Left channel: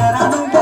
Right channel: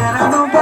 Esperando um know.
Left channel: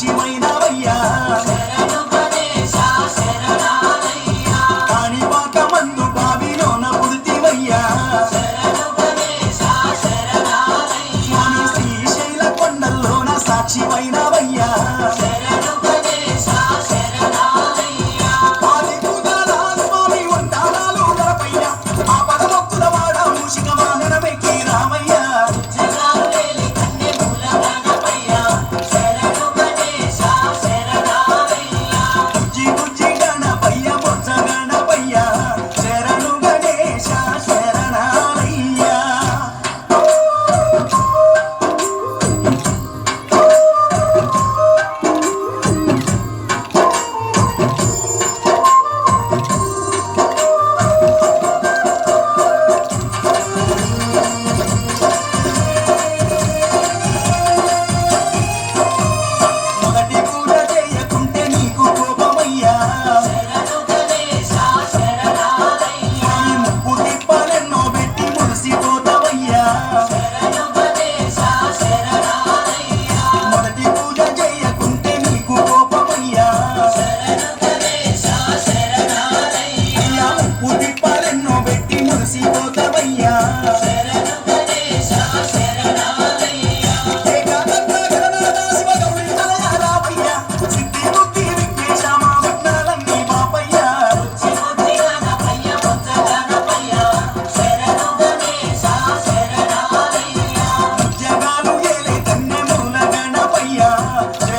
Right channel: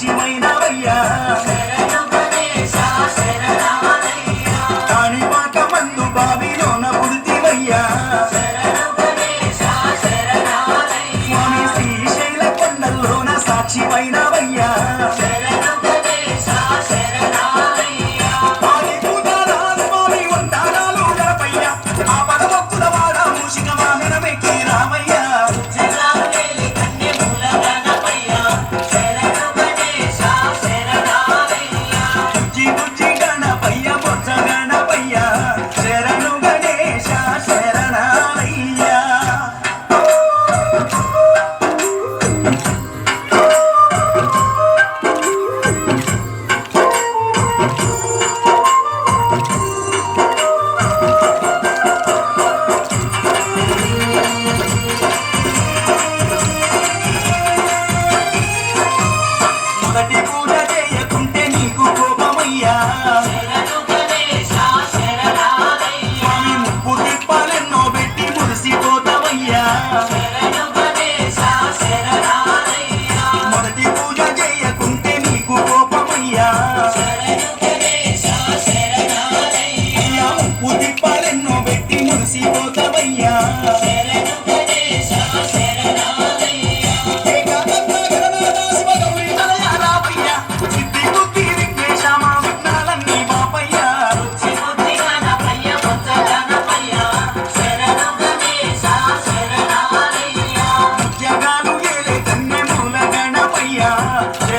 సాక్షిమైనవయ్యా Kanipaka Bandhu బావిలోన పుడితివయ్యా. Yeah.